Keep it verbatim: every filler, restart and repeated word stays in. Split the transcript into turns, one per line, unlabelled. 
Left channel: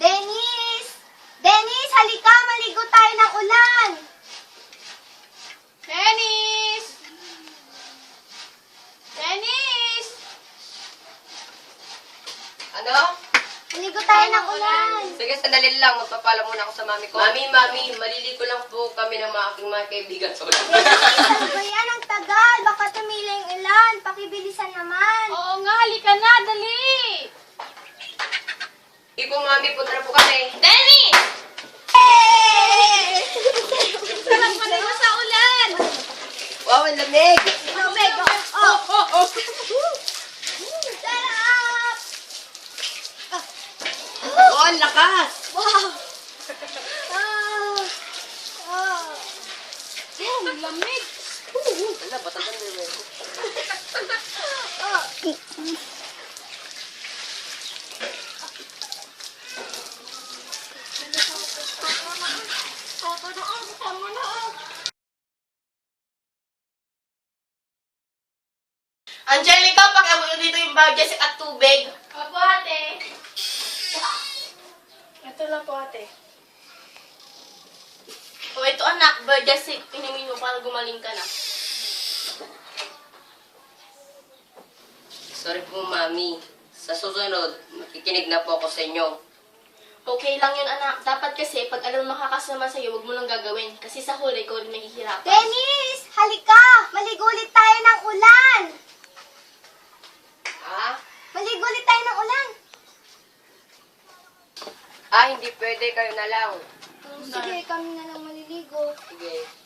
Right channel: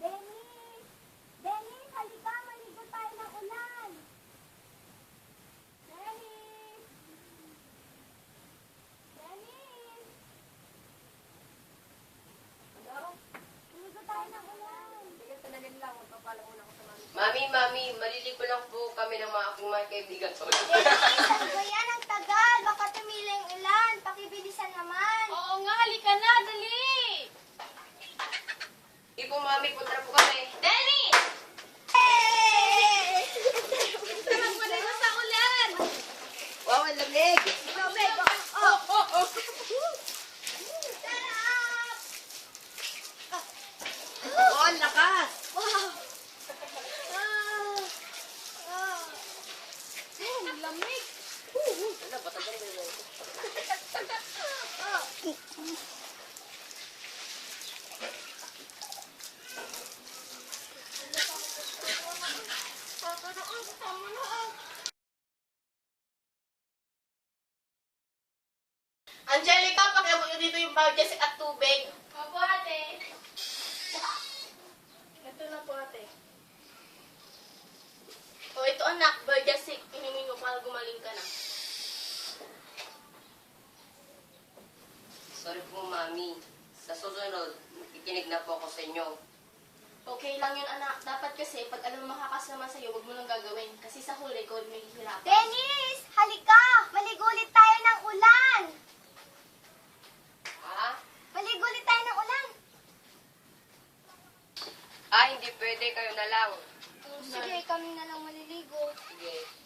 Dennis! Dennis, halika! Maligo tayo ng ulan!
Dennis! Dennis!
Ano?
Maligo tayo ng ulan!
Sige, sandali lang. Magpapala muna ako sa mami ko. Mami, mami, maliligo lang po kami ng mga aking mga kaibigan sa ulan.
Dennis, ano ba yan? Ang tagal! Baka tumila yung ulan. Pakibilisan naman.
Oo nga, halika na, dali!
Ipo, mami, punta na po kami.
Dennis!
Hey!
Sarap maligo sa ulan!
Wow, ang lamig!
Lumeg! Oh! Oh! Oh! Sarap!
Oh, ang lakas!
Wow! Ah! Ah!
Ang lamig!
Ano, batas ang bebe ko.
Ah!
Angelica, pakiabot mo dito yung bag Jessica at tubig.
Opo, ate. Ito lang po, ate.
O ito anak, bag Jessica, pinimin mo para gumaling ka na.
Sorry po, mami. Sa susunod, makikinig na po ako sa inyo.
Okay lang yun anak. Dapat kasi pag alam makakasama sa'yo, huwag mo nang gagawin. Kasi sa huli, ikaw rin mahihirapan.
Dennis! Halika! Maligo ulit tayo ng ulan!
Ha?
Maligo ulit tayo ng ulan!
Ah, hindi pwede. Kayo na lang.
Sige, kami na lang maliligo.
Sige.